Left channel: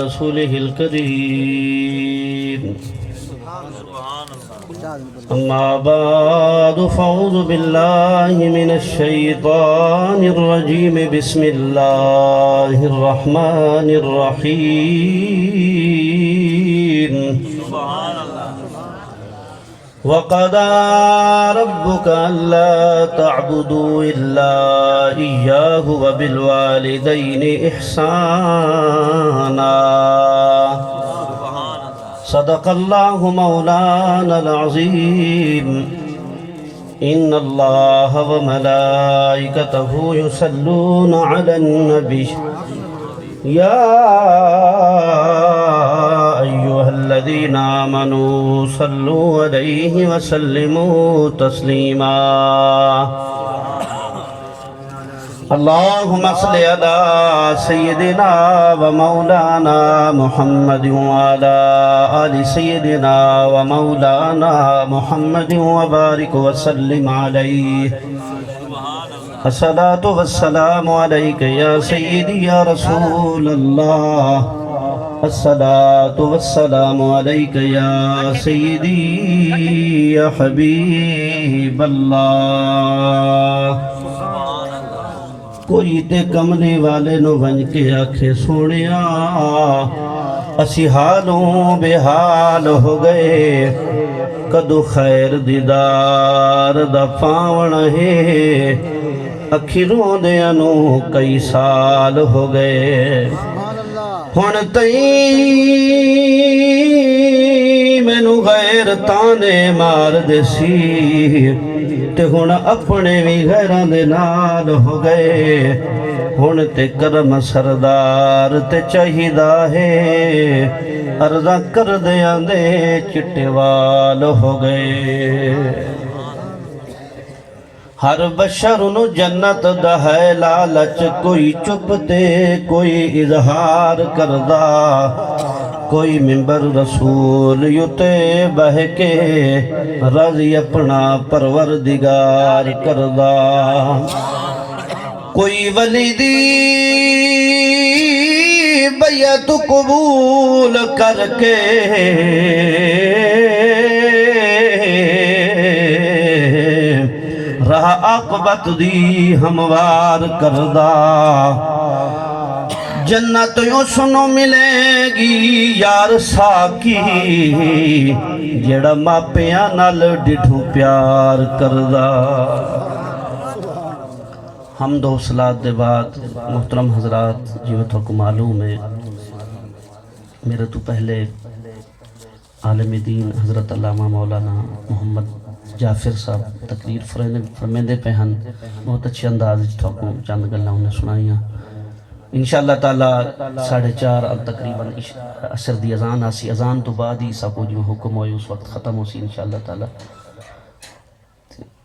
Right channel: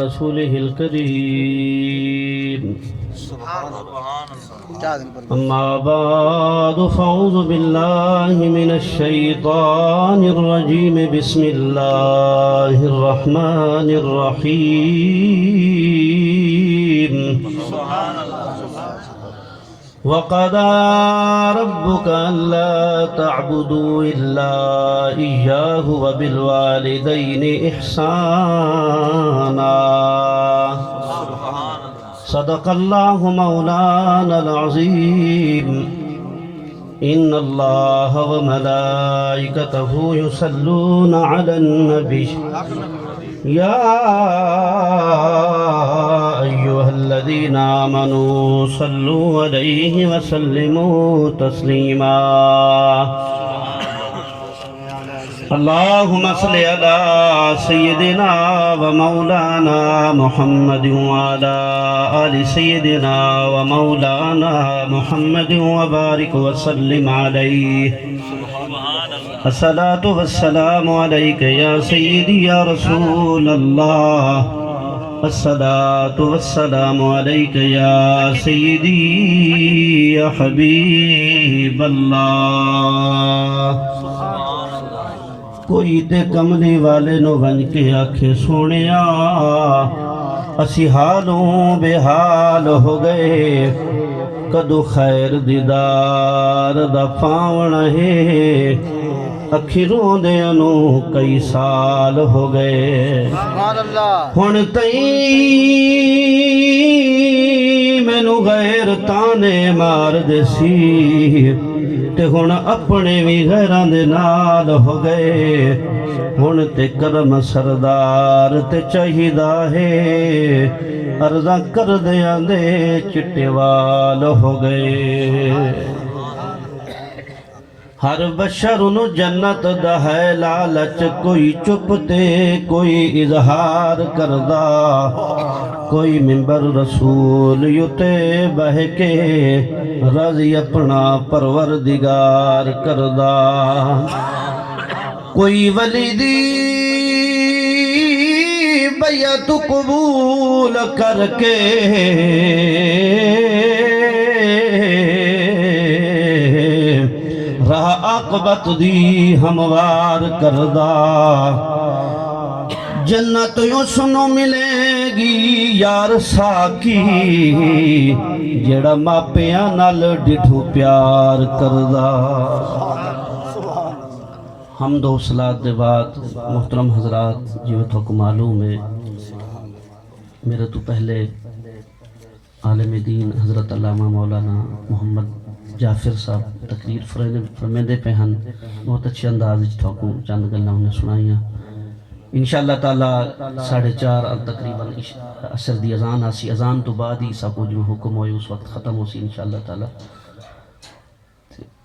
رسوله الكريم أما بعد فأعوذ بالله من الشيطان الرجيم بسم الله الرحمن الرحيم وقضى ربك ألا تعبدوا إلا إياه وبالوالدين إحسانا صدق الله مولانا العظيم إن الله وملائكته يصلون على النبي يا أيها الذين آمنوا صلوا عليه وسلموا تسليما اللهم صل على سيدنا ومولانا محمد وعلى آل سيدنا ومولانا محمد وبارك وسلم عليه الصلاة والسلام عليك يا سيدي يا رسول الله الصلاة والسلام عليك يا سيدي يا حبيب الله کوئی تے کملی والے نو بن کے آکھے سونیا اسی حالوں بے حال ہو گئے کدو خیر دیدار دا پاون ہے اکھیروں دے انو کئی سال ہو گئے ہن تئی مینو غیر تانے مار دے سی تے ہن اپنے بھی غیران دے نال ہو گئے ہن تے کرم سردار تے چاہیدہ ہے عرضاں کر دیاں دے چٹے وال ہو گئے ہر بشر نو جنت دا ہے لالچ کوئی چپتے کوئی اظہار کردہ کوئی ممبر رسول یوتے بہ کے رضی اپنا پروردگار کردہ کوئی ولی دی بیعت قبول کر کے رہا عاقبت دی ہموار کردہ جنت یوں سنو ملے گی یار ساکی جڑا ماپیاں نال ڈٹھو پیار کردہ حمد و صلاۃ دے بعد محترم حضرات جیوتوں کو معلوم ہے میرے تو پہلے عالم دین حضرت علامہ مولانا محمد جعفر صاحب تقریر فرمیندے پہ ہن بہت اچھے انداز تھوکوں چند گلہ انہیں سنائیاں انشاءاللہ تعالیٰ 4:30 تقریباً عصر دی اذان آسی اذان تو بعد ہی ساکو جو حکم ہوئی اس وقت ختم ہو سی انشاءاللہ تعالیٰ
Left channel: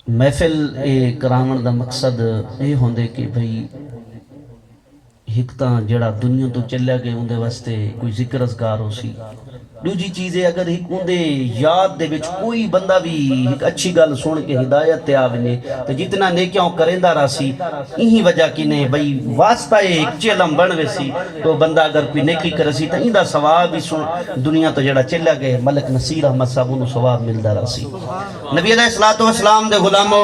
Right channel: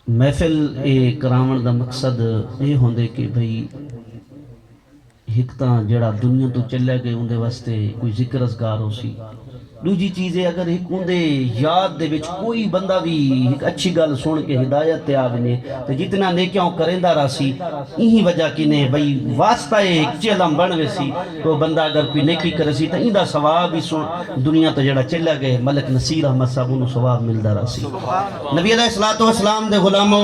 محفل کرامن دا مقصد یہ ہوندے کہ بھئی ہکتاں جڑا دنیا تو چلے گئے ہوندے واسطے کوئی ذکر اذکار ہو سی دوجی چیزیں اگر ایک ہوندے یاد دے بچ کوئی بندہ بھی ایک اچھی گل سن کے ہدایت تے آونے تو جتنا نیکیاں کریندہ راسی یہی وجہ کی نے بھئی واسطہ ایک چلم بنوے سی تو بندہ اگر کوئی نیکی کرسی تو ایندہ ثواب بھی سن دنیا تو جڑا چلے گئے ملک نصیر احمد صاحب انہوں ثواب ملدہ راسی نبی علیہ السلام دے غلاموں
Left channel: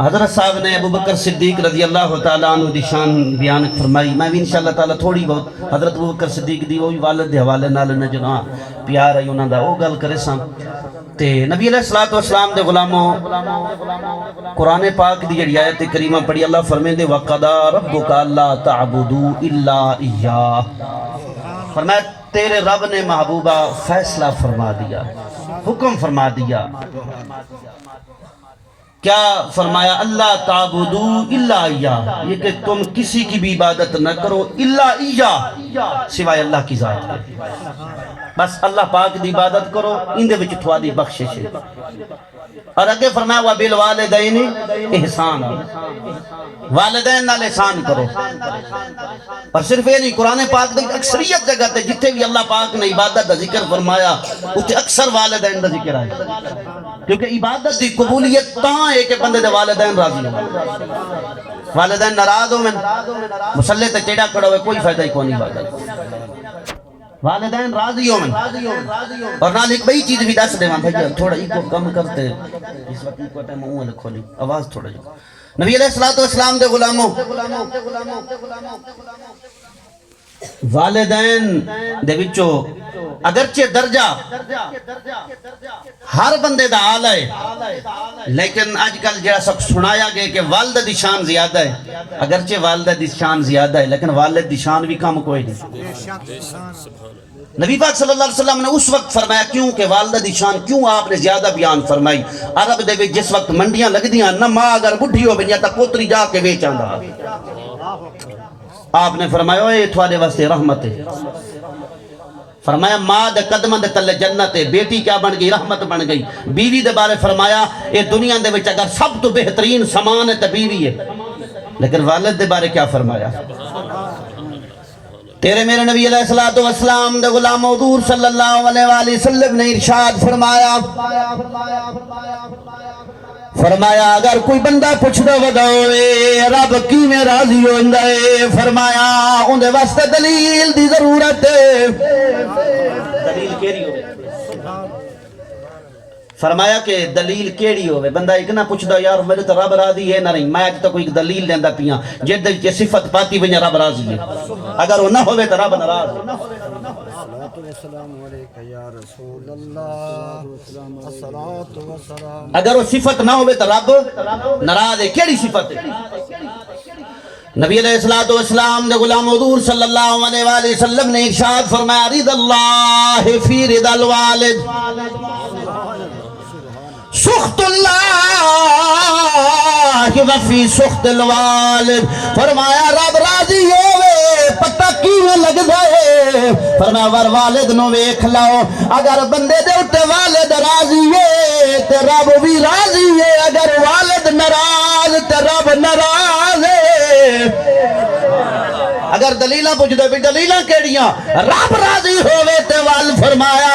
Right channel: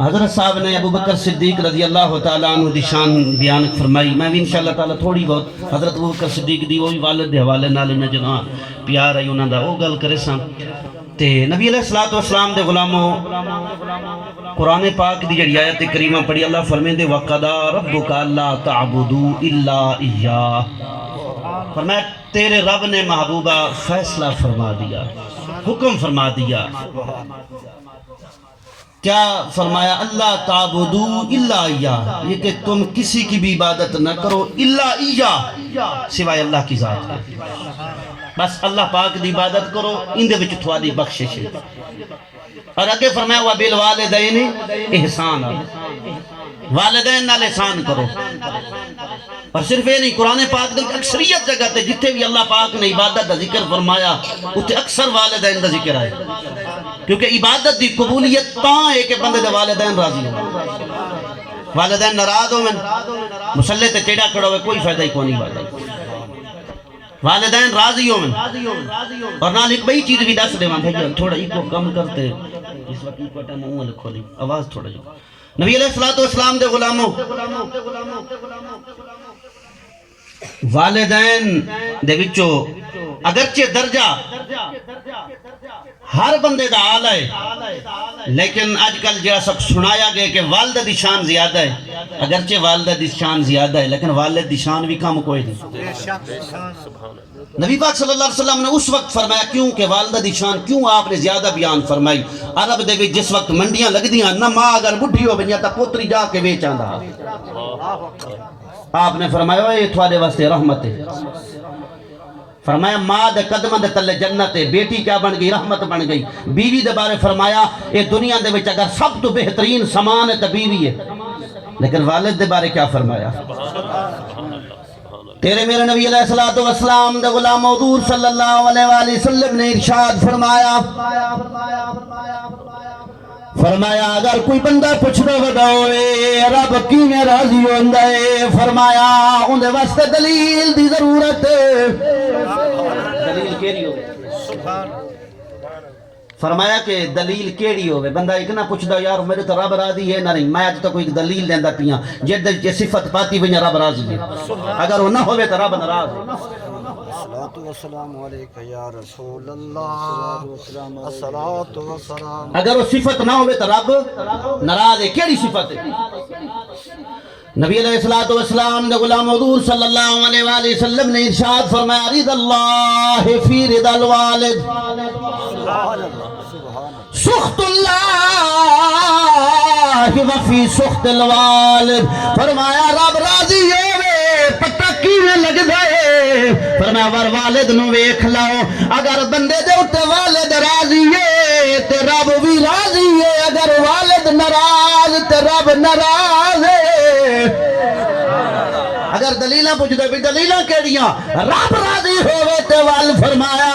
حضرت صاحب نے ابو بکر صدیق رضی اللہ تعالیٰ عنہ دی شان بیان فرمائی میں بھی انشاءاللہ تعالیٰ تھوڑی بہت حضرت ابو بکر صدیق دی وہ بھی والد دے حوالے نال نجگاں پیار ہے انہوں دا وہ گل کرے ساں تے نبی علیہ السلام دے غلاموں قرآن پاک دی جڑی آیت کریمہ پڑھی اللہ فرمیندے وَقَضَى رَبُّكَ أَلَّا تَعْبُدُوا إِلَّا إِيَّاهُ فرمایا تیرے رب نے محبوبہ فیصلہ فرما دیا حکم فرما دیا کیا فرمایا اللہ تعبدو الا ایہ یہ کہ تم کسی کی بھی عبادت نہ کرو الا ایہ سوائے اللہ کی ذات کے بس اللہ پاک دی عبادت کرو اندے وچ تھوڑی بخشش ہے اور اگے فرمایا وَبِالْوَالِدَيْنِ احسان والدین نال احسان کرو اور صرف یہ نہیں قرآن پاک دے اکثریت جگہ تے جتھے بھی اللہ پاک نے عبادت دا ذکر فرمایا اتھے اکثر والدین دا ذکر آئے کیونکہ عبادت دی قبولیت تاں ہے کہ بندے دے والدین راضی ہیں والدین ناراض ہو میں مسلح تے چیڑا کڑا ہوئے کوئی فائدہ ہی کو نہیں ہوتا والدین راضی ہو میں اور نال ایک بئی چیز بھی دس دے وہاں بھائی تھوڑا ایک کو کم کرتے اس وقت ایک وقت منہ کھولی آواز تھوڑا جو نبی علیہ السلام دے غلاموں والدین دے وچو اگرچہ درجہ ہر بندے دا آلہ ہے لیکن آج کل جہاں سب سنایا گئے کہ والدہ دی شان زیادہ ہے اگرچہ والدہ دی شان زیادہ ہے لیکن والد دی شان بھی کم کوئی نہیں نبی پاک صلی اللہ علیہ وسلم نے اس وقت فرمایا کیوں کہ والدہ دی شان کیوں آپ نے زیادہ بیان فرمائی عرب دے وچ جس وقت منڈیاں لگ دیاں نہ ماں اگر بڈھی ہو بنیا تا پوتری جا کے بیچ آندا آپ نے فرمایا اے تھوڑے واسطے رحمت ہے فرمایا ماں دے قدمہ دے تلے جنت ہے بیٹی کیا بن گئی رحمت بن گئی بیوی دے بارے فرمایا اے دنیا دے وچ اگر سب تو بہترین سامان ہے تو بیوی ہے لیکن والد دے بارے کیا فرمایا تیرے میرے نبی علیہ السلام دے غلام حضور صلی اللہ علیہ وآلہ وسلم نے ارشاد فرمایا اگر کوئی بندہ پوچھدا وڈاوے رب کیوں میں راضی ہوندا ہے فرمایا اندے واسطے دلیل دی ضرورت ہے دلیل کیڑی ہوے فرمایا کہ دلیل کیڑی ہوے بندہ ایک نہ پوچھدا یار میرے تو رب راضی ہے نہ نہیں میں اج تک کوئی دلیل دیندا پیاں جے صفت پاتی وجہ رب راضی ہے اگر وہ نہ ہوے تو رب ناراض ہے والسلام علیکہ یا رسول اللہ الصلاۃ والسلام اگر وہ صفت نہ ہوے تو رب ناراض ہے کیڑی صفت ہے نبی علیہ السلام دے غلام حضور صلی اللہ علیہ وآلہ وسلم نے ارشاد فرمایا رضا اللہ فی رضا الوالد سخط اللہ وفی سخط الوالد فرمایا رب راضی ہوئے پتہ کیویں لگدا ہے فرمایا ور والد نو ویکھ لاؤ اگر بندے دے اُتے والد راضی ہے تے رب بھی راضی ہے اگر والد ناراض تے رب ناراض ہے اگر دلیلاں پوچھ دے بھی دلیلاں کیڑیاں رب راضی ہوئے تے وال فرمایا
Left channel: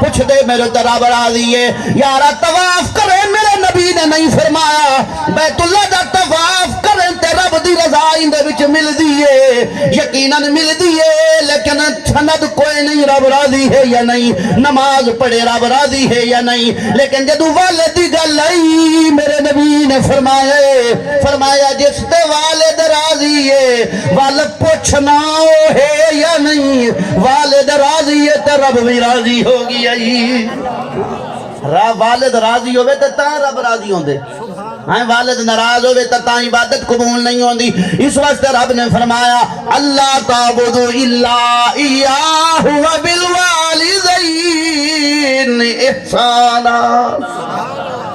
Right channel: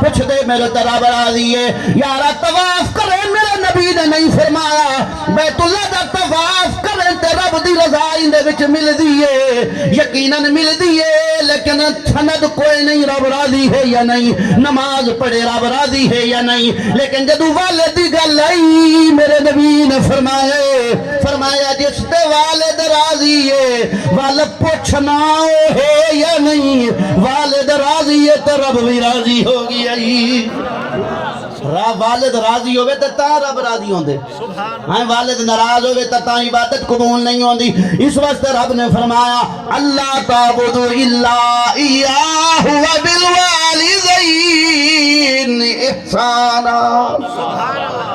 پوچھ دے میرے تے رب راضی ہے یارا طواف کرے میرے نبی نے نہیں فرمایا بیت اللہ دا طواف کرے تے رب دی رضا اندے وچ مل دیئے یقیناً مل دیئے لیکن سند کوئی نہیں رب راضی ہے یا نہیں نماز پڑھے رب راضی ہے یا نہیں لیکن جدو والد دی گل آئی میرے نبی نے فرمایا جس تے والد راضی ہے والد پوچھنا ہے یا نہیں والد راضی ہے تو رب بھی راضی ہوگی والد راضی ہوئے تو تا رب راضی ہوندے والد ناراض ہوئے تو تا عبادت قبول نہیں ہوندی اس وقت رب نے فرمایا اللہ تعبدوا الا ایاہ وبالوالدین احسانا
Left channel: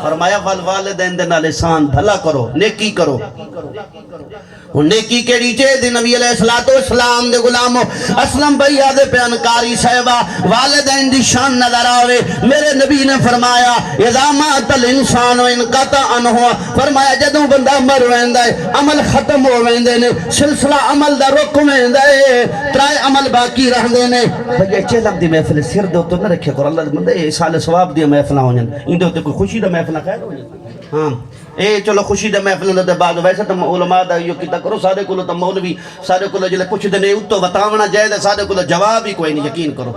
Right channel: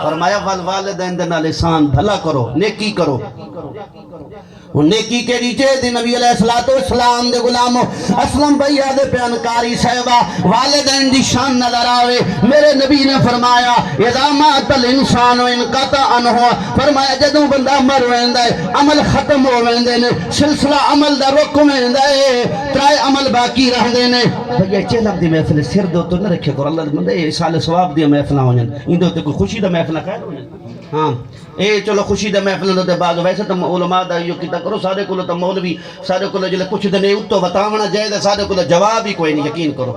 فرمایا والدین دے نال احسان بھلا کرو نیکی کرو نیکی کیڑی چاہے دی نبی علیہ السلام دے غلامو اسلم بھائی آدھے پیانکاری صحبہ والدین دی شان نظر آوے میرے نبی نے فرمایا اذا مات الانسان انقطع عنہ فرمایا جدوں بندہ مر ویندا ہے عمل ختم ہو ویندے نے سلسلہ عمل دا رک ویندا ہے ترائے عمل باقی رہندے نے بھئی چہلم دی محفل سر دے تو نہ رکھے کرو اللہ بندے سال ثواب دی محفل ہونن ایندے تے کوئی خوشی دا محفل خیر ہونن ہاں اے چلو خوشی دے محفل دے بعد ویسے تو علماء دا یہ کیتا کرو سارے کولو تو مولوی سارے کولو جلے کچھ دے نہیں اتو بتاونا جائے دے سارے کولو جواب ہی کوئی نہیں یقین کرو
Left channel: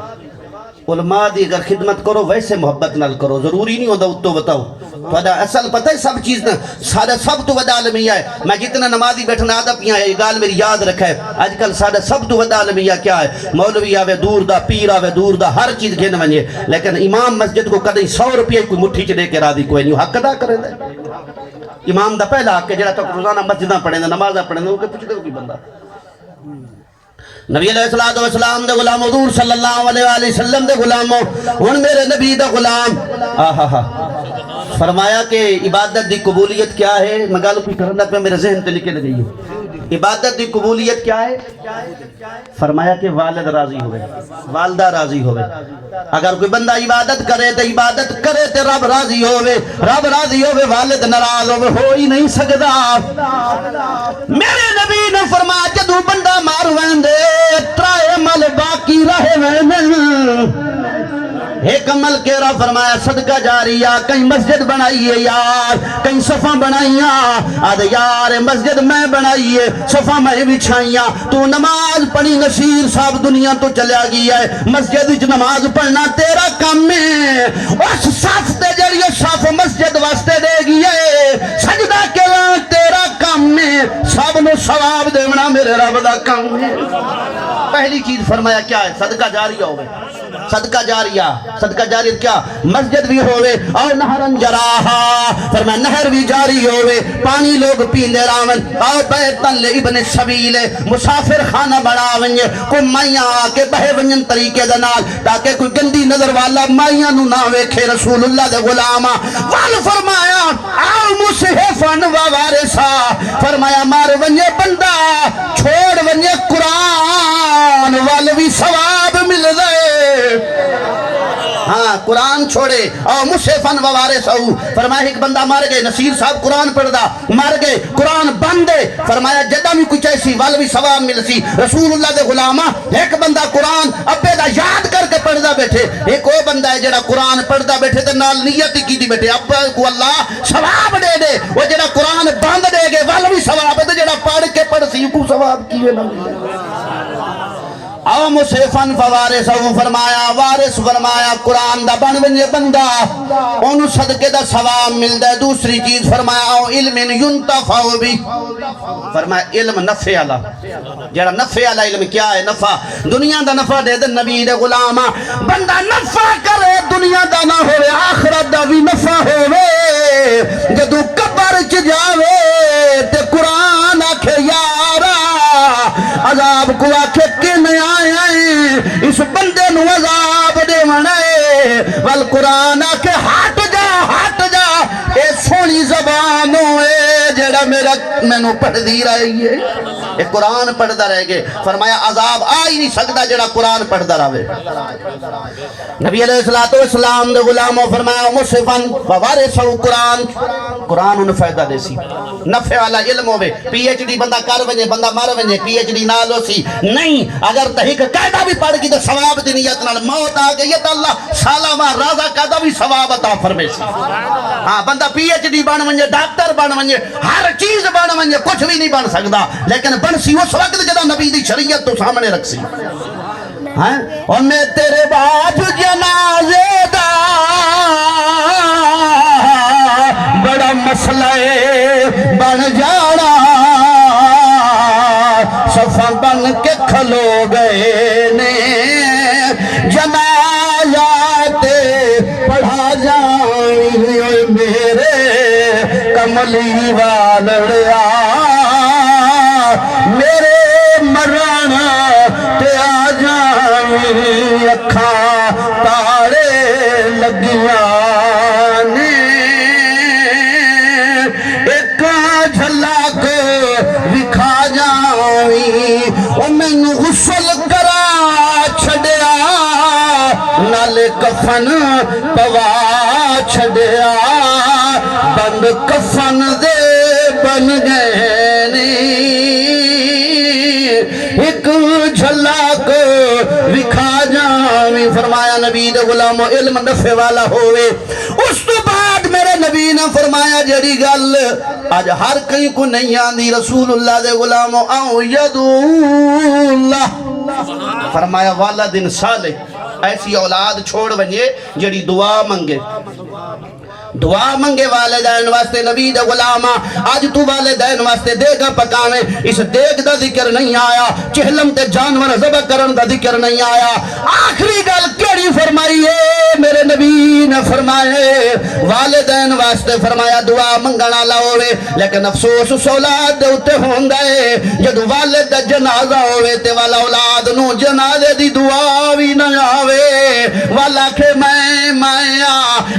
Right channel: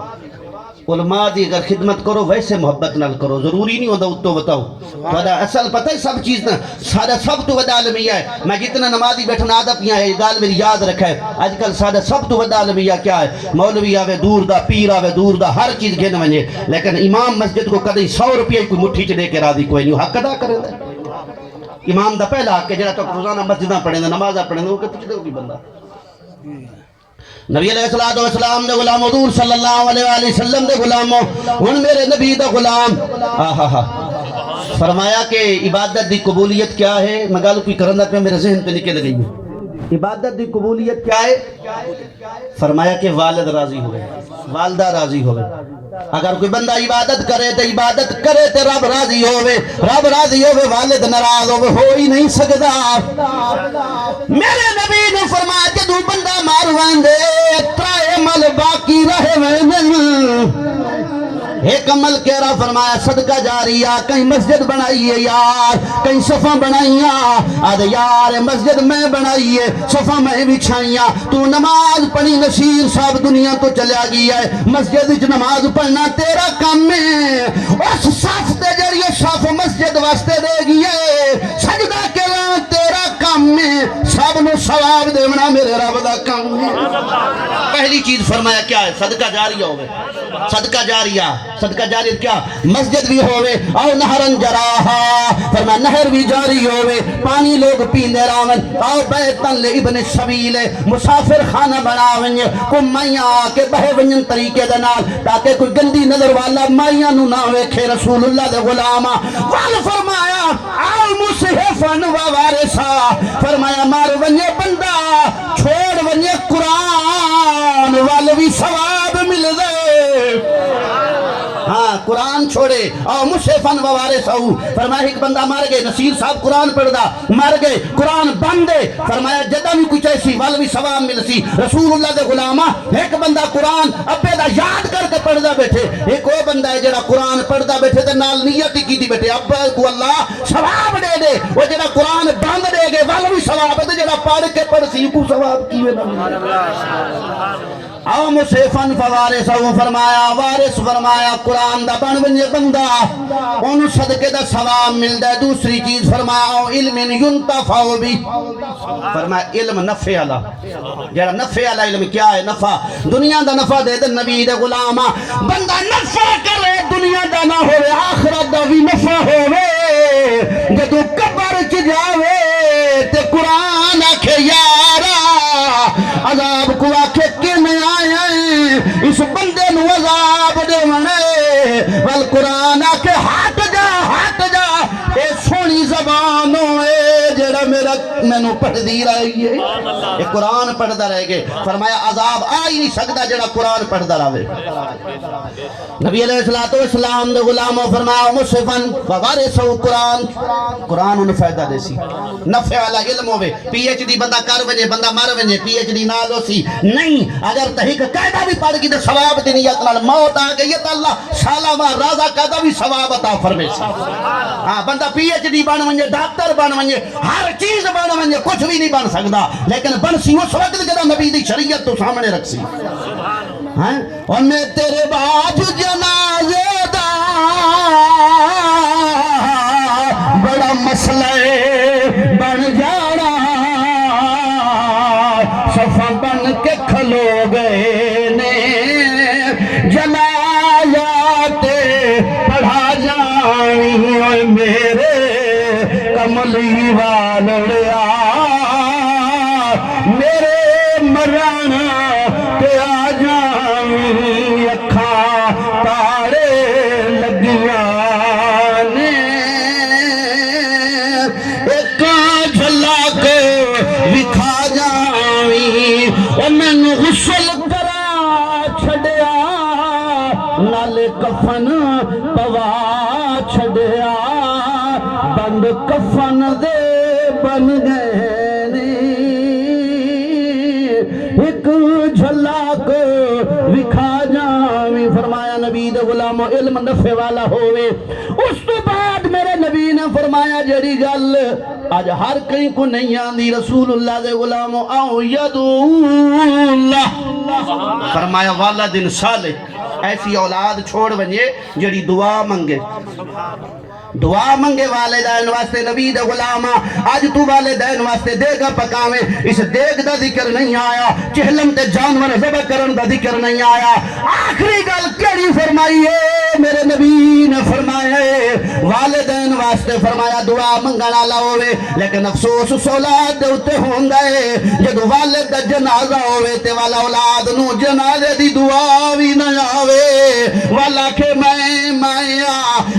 علماء دی اگر خدمت کرو ویسے محبت نال کرو ضروری نہیں ہوتا اتو بتاؤ وجہ اصل پتہ ہے سب چیز نہ سارے سب تو ودا عالمیہ ہے میں جتنا نمازی بیٹھنا عادت یہ ہے یہ گال میری یاد رکھے آج کل سارے سب تو ودا عالمیہ کیا ہے مولوی آوے دور دا پیر آوے دور دا ہر چیز گھن ونجے لیکن امام مسجد کو کدی 100 روپیہ کوئی مٹھی چ دے کے راضی کوئی نہیں حق ادا کرے دے امام دا پہلا حق ہے جڑا تو روزانہ مسجداں پڑھے دے نمازاں پڑھے دے وہ کہ پوچھ دے کوئی بندہ نبی علیہ السلام دے غلام حضور صلی اللہ علیہ وآلہ وسلم دے غلاموں ان میرے نبی دا غلام فرمایا کہ عبادت دی قبولیت کیا ہے میں گالو کوئی کرندہ پہ میرے ذہن پہ نکل گئی ہوں عبادت دی قبولیت کیا ہے فرمایا کہ والد راضی ہوئے والدہ راضی ہوئے اگر کوئی بندہ عبادت کرے تو رب راضی ہوئے والد ناراض ہوئے ہو ہی نہیں سکتا میرے نبی نے فرمایا جدو بندہ مار ویندے ترائے عمل باقی رہے ویندے ایک عمل کہہ رہا فرمایا صدقہ جاریہ کہیں مسجد بنائیے یار کہیں صفحہ بنائیاں آدھے یار مسجد میں بنائیے صفحہ میں بچھائیاں تو نماز پڑھی نصیر صاحب دنیا تو چلیا گیا ہے مسجد وچ نماز پڑھنا تیرا کام ہے اس صف تے جڑی صف مسجد واسطے دے گیا ہے سجدہ کرنا تیرا کام ہے سب نو ثواب دینا میرے رب دا کام ہے پہلی چیز فرمایا کیا ہے صدقہ جاریہ ہوئے صدقہ جاریہ کیا مسجد بھی ہوئے اور نہرن جراہا فرمایا نہر بھی جاری ہوئے پانی لوگ پیندے راون اور بیتن لے ابن سبیل مسافر خانہ بڑھاونج کو مائیاں آکے بہے ونجن طریقے دنال تاکہ کوئی گندی نظر والا مائیاں نو نہ ویکھے رسول اللہ دے غلامہ وال فرمایا آؤ مصحفن و وارثا فرمایا مار ونجے بندہ چھوڑ ونجے قرآن وال بھی ثواب مل دے ہاں قرآن چھوڑے اور مصحفن و وارث ہو فرمایا ایک بندہ مار گئے نصیر صاحب قرآن پڑھ دا مار گئے قرآن بندے فرمایا جدہ بھی کچھ ایسی والوی ثواب مل سی رسول اللہ دے غلامہ ایک بندہ قرآن ابے دا یاد کر کے پڑھ دا بیٹھے ایک وہ بندہ ہے جڑا قرآن پڑھ دا بیٹھے تے نال نیتی کی دی بیٹھے ابا کو اللہ ثواب دے دے وہ جڑا قرآن بند دے گے والوی ثواب دے جڑا پڑھ کے پڑھ سی کو ثواب کیے نہ او مصحفن فوارث او فرمایا وارث فرمایا قرآن دا بن ونجے بندہ انہوں صدقے دا ثواب ملدا ہے دوسری چیز فرمایا او علم ينتفع بھی فرمایا علم نفع والا جڑا نفع والا علم کیا ہے نفع دنیا دا نفع دے دے نبی دے غلامہ بندہ نفع کرے دنیا دا نہ ہوئے آخرت دا بھی نفع ہوئے جدو قبر چ جاوے تے قرآن آکھے یارا عذاب کو آکھے اس بندے نو عذاب دے منے والقرآن آکے ہٹ جا اے سونی زبان ہوئے جڑا میرا میں نو پڑھ دی رہی ہے اے قرآن پڑھ دا رہ گئے فرمایا عذاب آئی نہیں سکتا جڑا قرآن پڑھ دا رہے نبی علیہ السلام دے غلاموں فرمایا مصحفن فوارث قرآن انہوں فائدہ دے سی نفع والا علم ہوئے پی ایچ ڈی بندہ کر ونجے بندہ مر ونجے پی ایچ ڈی نال ہو سی نہیں اگر تحقیق قاعدہ بھی پڑھ کی تو ثواب دی نیت نال موت آ گئی تو اللہ سالامہ رازہ قاعدہ بھی ثواب عطا فرمے سی ہاں بندہ پی ایچ ڈی بن ونجے ڈاکٹر بن ونجے ہر چیز بن ونجے کچھ بھی نہیں بن سکتا لیکن بن سی اس وقت جدو نبی دی شریعت تو سامنے رکھ سی اور میں تیرے باج جنازے دا بڑا مسئلہ بن جاڑا صفہ بن کے کھلو گئے نے جنازہ تے پڑھا جائیں اور میرے کملی والڑیا میرے مران تے آ جائیں اکھا تارے لگیاں نے ایک جھلا کو وکھا جائیں اور میں نو غسل کرا چھڑیا نال کفن پوا چھڑیا بند کفن دے بن گئے ایک جھلا کو وکھا جائیں فرمایا نبی دے غلام علم نفع والا ہوئے اس تو بعد میرے نبی نے فرمایا جڑی گل آج ہر کہیں کو نہیں آندی رسول اللہ دے غلام آؤ یدو اللہ فرمایا والدن صالح ایسی اولاد چھوڑ ونجے جڑی دعا منگے دعا منگے والدین واسطے نبی دا غلامہ آج تو والدین واسطے دیگا پکاویں اس دیگ دا ذکر نہیں آیا چہلم تے جانور ذبح کرن دا ذکر نہیں آیا آخری گل کیڑی فرمائی ہے میرے نبی نے فرمائے والدین واسطے فرمایا دعا منگنا لاؤے لیکن افسوس اس اولاد دے اتے ہوں گئے جدو والد دا جنازہ ہوئے تے والا اولاد نو جنازے دی دعا بھی نہ آوے والا کہ میں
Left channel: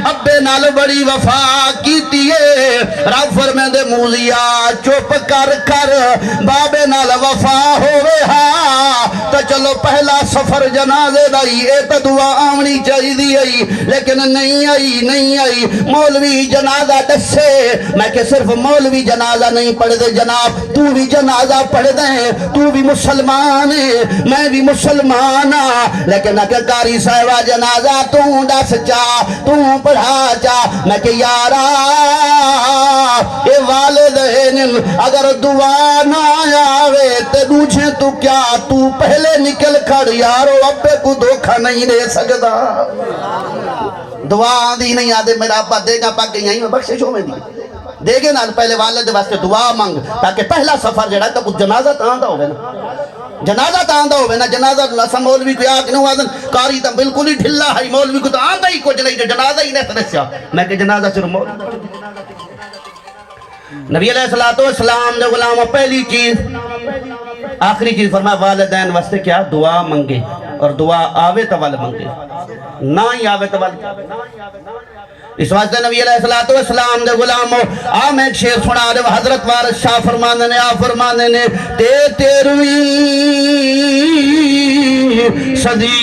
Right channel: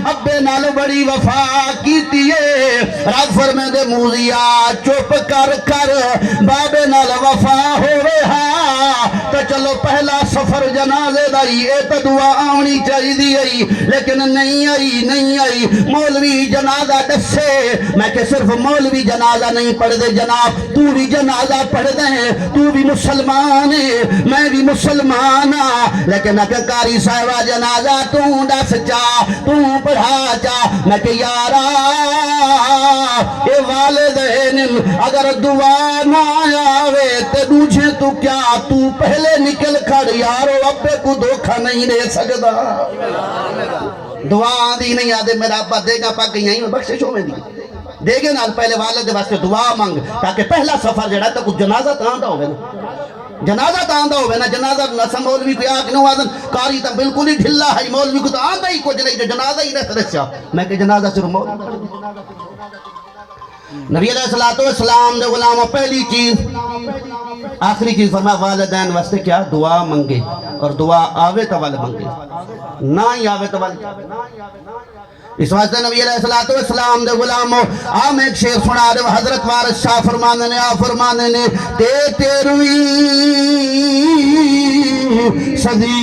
ابے نال بڑی وفا کیتی ہے رب فرمے دے موزیا چپ کر بابے نال وفا ہوئے ہاں تو چلو پہلا سفر جنازے دائی اے تا دعا آمنی چاہی دی ہے آئی لیکن نہیں آئی مولوی جنازہ دسے میں کہ صرف مولوی جنازہ نہیں پڑھ دے جناب تو بھی جنازہ پڑھ دے تو بھی مسلمان ہے میں بھی مسلمان لیکن اگر قاری صاحبہ جنازہ تو دس چا تو پڑھا چا میں کہ یارا اے والدین اگر دعا نہ آوے تے دوجھے تو کیا تو پہلے نکل کھڑ یارو ابے کو دھوکہ نہیں دے سکتا دعا دی نہیں آدھے میرا ابا دے گا پاک یہیں میں بخششوں میں دی دے گے نا پہلے والد واسطے دعا مانگ تاکہ پہلا سفر جڑا تا کچھ جنازہ تاندہ ہوئے نا جنازہ تاندہ ہوئے نا جنازہ نسا مولوی کو آگ نہیں آدھن کاری تا بالکل ہی ڈھلا ہے مولوی کو تا آندہ ہی کچھ نہیں جنازہ ہی نہیں ترسیا میں کہ جنازہ صرف مولوی نبی علیہ السلام نے غلاموں پہلی چیز آخری چیز فرمایا والدین واسطے کیا دعا منگے اور دعا آوے توال منگے نہ ہی آوے توال اس واسطے نبی علیہ السلام نے غلاموں آم ایک شیر سنا رہے حضرت وارث شاہ فرمانے نے آ فرمانے نے تیرویں صدی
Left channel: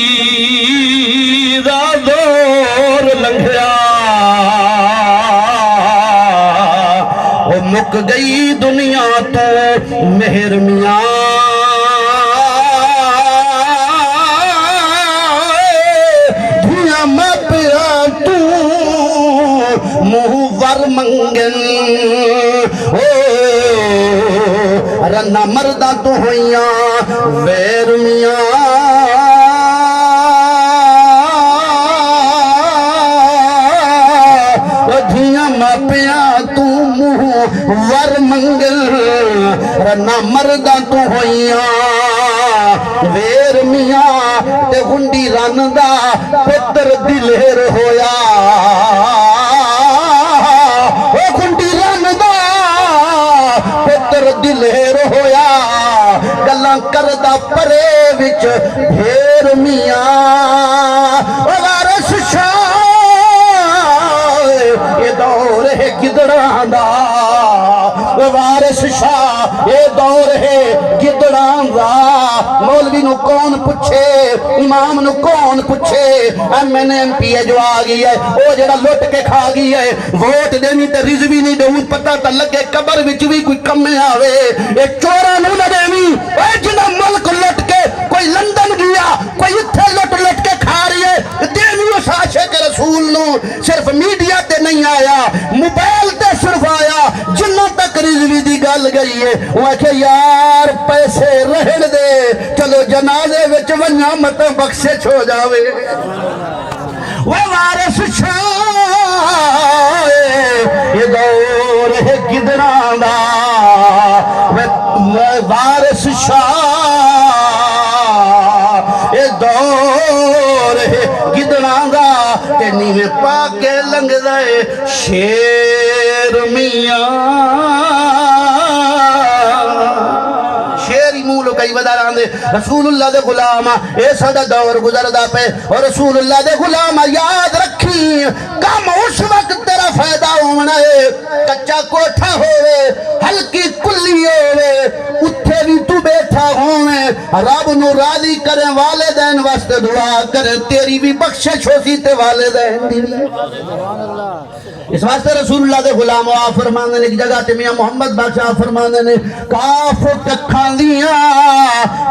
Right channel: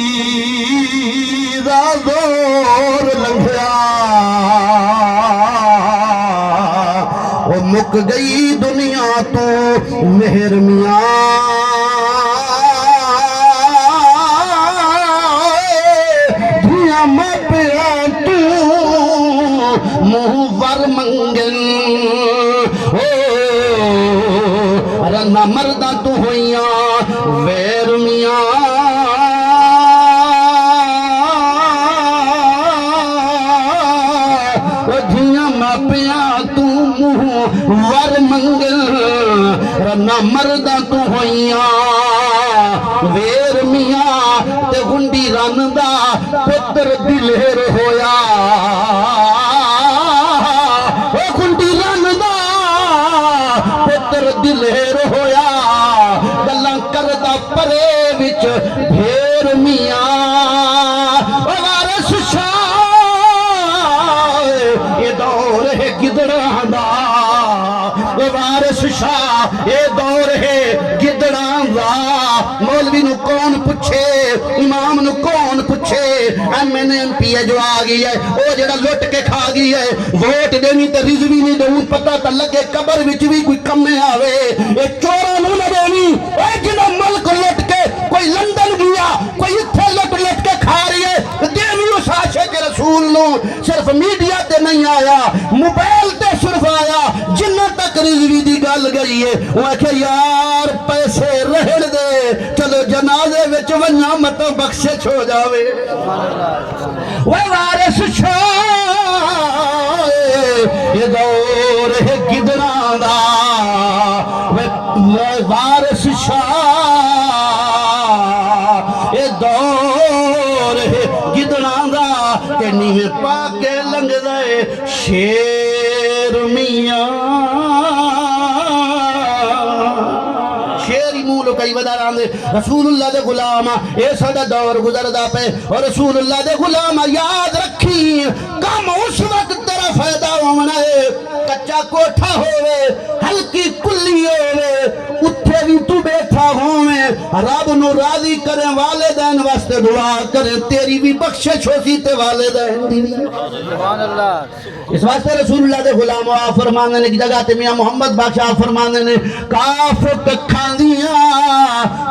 دا دور لنگھیا مک گئی دنیا تو مہر میاں دھیاں مپیا تو منہ ور منگن رنا مردہ تو ہویاں ویر میاں دھیاں مپیا ور منگل رنا مردہ تو ہویاں ویر میاں تے ہنڈی رندہ پتر دلیر ہویا ہنڈی رندہ پتر دلیر ہویا گلاں کردہ پرے وچ بھیر میاں وارث شاہ یہ دور ہے گدڑاں دا وارث شاہ یہ دور ہے گدڑاں دا مولوی نو کون پچھے امام نو کون پچھے ایم این ایم پی جو آگئی ہے او جڑا لٹ کے کھا گئی ہے ووٹ دینی تے رضوی نہیں دے پتہ تا لگے قبر وچ بھی کوئی کمے آوے اے چورا نو نہ دینی اے جنہ ملک لٹ کے کوئی لندن گیا کوئی اتھے لٹ کے کھا رہی ہے دینی اس عاشق رسول نو صرف میڈیا تے نہیں آیا موبائل تے صرف آیا جنہ تک رضوی دی گل گئی ہے وہ کہ یار پیسے رہن دے چلو جنازے وچ ونیا مت بخشے چھو جاوے وہ وارث شاہ یہ دور ہے گدڑاں دا وہ وارث شاہ یہ دور ہے گدڑاں دا کہ نیویں پا کے لنگ دے شیر میاں کئی بداران دے رسول اللہ دے غلامہ اے سادہ دور گزر دا پہ اور رسول اللہ دے غلامہ یاد رکھی کم اس وقت تیرا فائدہ ہونا ہے کچا کوٹھا ہوئے ہلکی کلی ہوئے اتھے بھی تو بیٹھا ہوئے رب نو راضی کریں والدین واسطے دعا کریں تیری بھی بخشش ہوسی تے والدین دی اس واسطے رسول اللہ دے غلام آ فرمانے نے کی جگہ تے میاں محمد بادشاہ فرمانے نے کاف ککھاں دیاں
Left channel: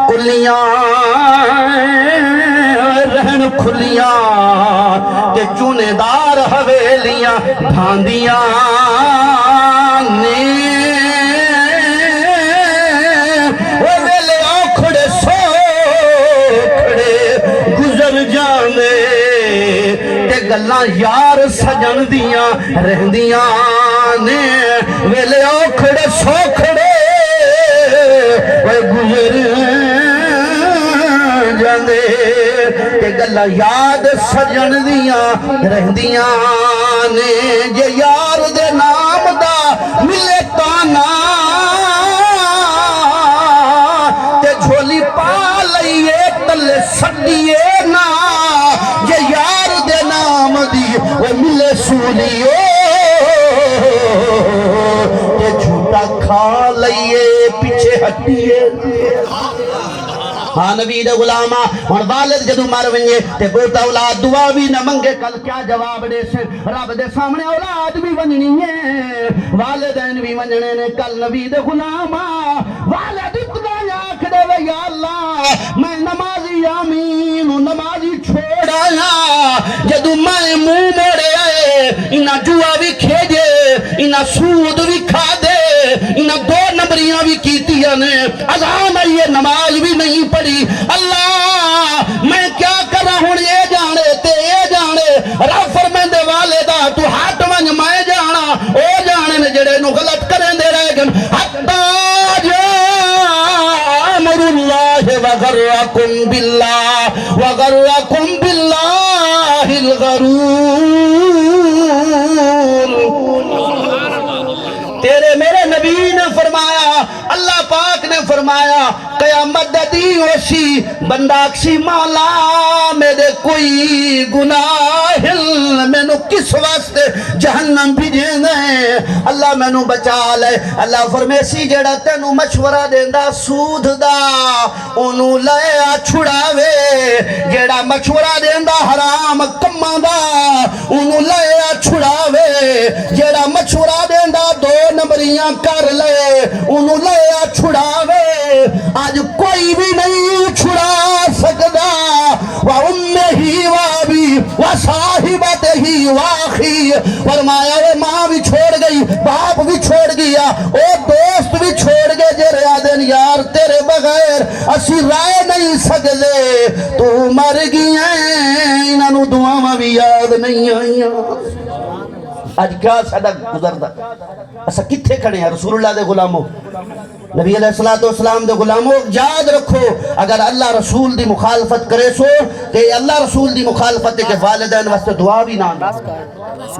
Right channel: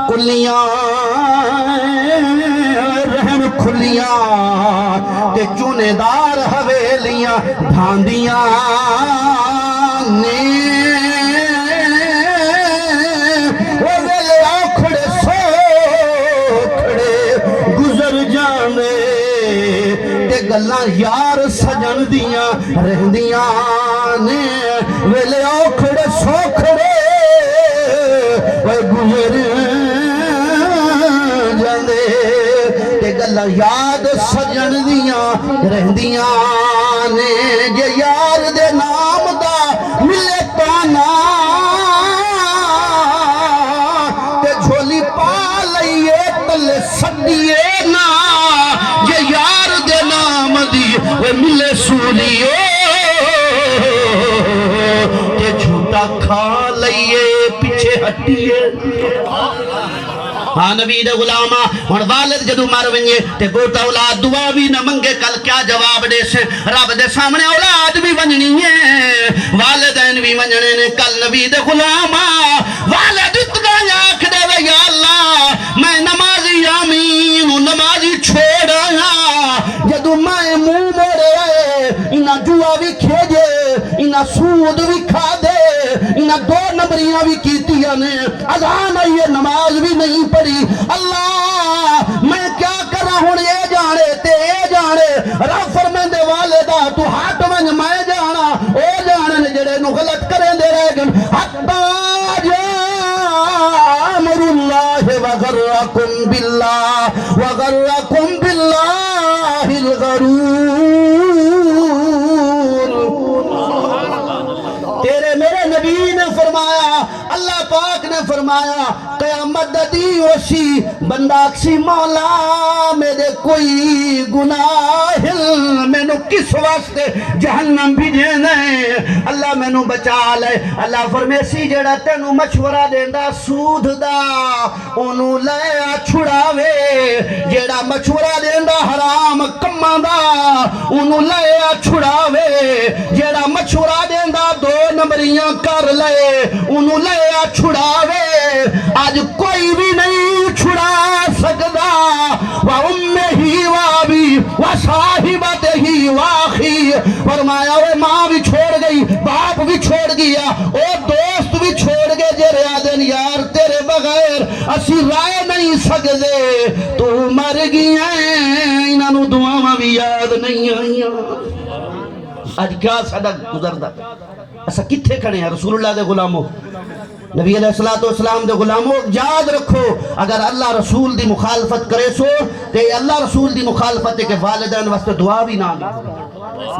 کلیاں رہن کھلیاں تے چونے دار حویلیاں ڈھاندیاں نے ویلے آکھڑے سوکھڑے گزر جاندے تے گلاں یار سجن دیاں رہندیاں نے ویلے اوکھڑے سوکھڑے گزر جاندے تے گلاں یاد سجن دیاں رہندیاں نے جے یار دے نام دا ملے تانا تے جھولی پا لئیے تلے سڈیے نا جے یار دے نام دی وہ ملے سولیو تے جھوٹا کھا لئیے پیچھے ہٹیے ہاں نبی دے غلامہ ہن والد جدوں مر ونجے تے بوٹا اولاد دعا بھی نہ منگے کل کیا جواب دے سے رب دے سامنے اولاد بھی ونجنی ہے والدین بھی ونجنے نے کل نبی دے غلامہ والد اتنا آنکھ دے وے یا اللہ میں نمازی آمین نمازی چھوڑ آیا جدو میں منہ موڑے آئے انہاں جوا بھی کھیجے انہاں سود بھی کھا دے انہاں 2 نمبریاں بھی کیتیاں نے اذان آئیے نماز بھی نہیں پڑھی اللہ میں کیا کر رہا ہوں یہ جانے تے یہ جانے رب فرمیندے والدہ تو ہاتھ ونج میں جانا او جانے جڑے نو غلط کریں دے رہ گن حتی امر اللہ وغرکم باللہ الغرور تیرے میرے نبی نے فرمایا اللہ پاک نے فرمایا قیامت دی وشی بندہ اکسی مولا میرے کوئی گناہ میں نو کس واسطے جہنم بھی دینے اللہ میں نو بچا لے اللہ فرمیسی جڑا تینو مشورہ دیندہ سود دا انہوں لے چھڑاوے جڑا مشورہ دیندہ حرام کمہ دا انہوں لے چھڑاوے جڑا مشورہ دیندہ 2 نمبریاں کر لے انہوں لے چھڑاوے آج کوئی بھی نہیں چھڑا سکتا وَأُمِّهِ وَأَبِيهِ وَصَاحِبَتِهِ وَأَخِيهِ فرمایا وہ ماں بھی چھوڑ گئی باپ بھی چھوڑ گیا اور دوست بھی چھوڑ گئے جرے آدن یار تیرے بغیر اسی رائے نہیں سکتے تو مر گئی ہیں انہوں دعاں بھی یاد نہیں آئیاں آج کیا صدق گزر دا ایسا کتھے کھڑے ہیں رسول اللہ دے غلاموں نبی علیہ السلام دے غلاموں یاد رکھو اگر اللہ رسول دی مخالفت کرے سو کہ اللہ رسول دی مخالفت ہے کہ والدین واسطے دعا بھی نہ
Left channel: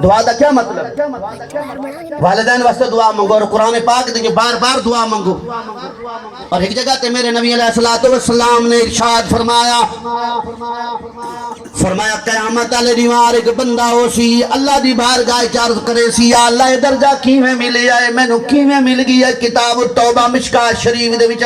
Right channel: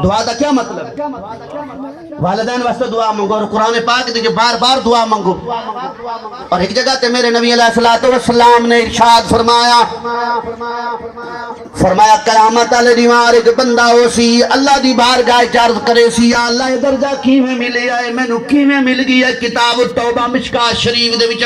دعا دا کیا مطلب والدین واسطے دعا منگو اور قرآن پاک دیکھے بار بار دعا منگو اور ایک جگہ تے میرے نبی علیہ السلام نے ارشاد فرمایا قیامت علی دیوار ایک بندہ ہو سی اللہ دی بارگاہ عرض کرے سی یا اللہ یہ درجہ کیویں ملی ہے میں نو کیویں مل گئی ہے کتاب التوبہ مشکاۃ شریف دے وچ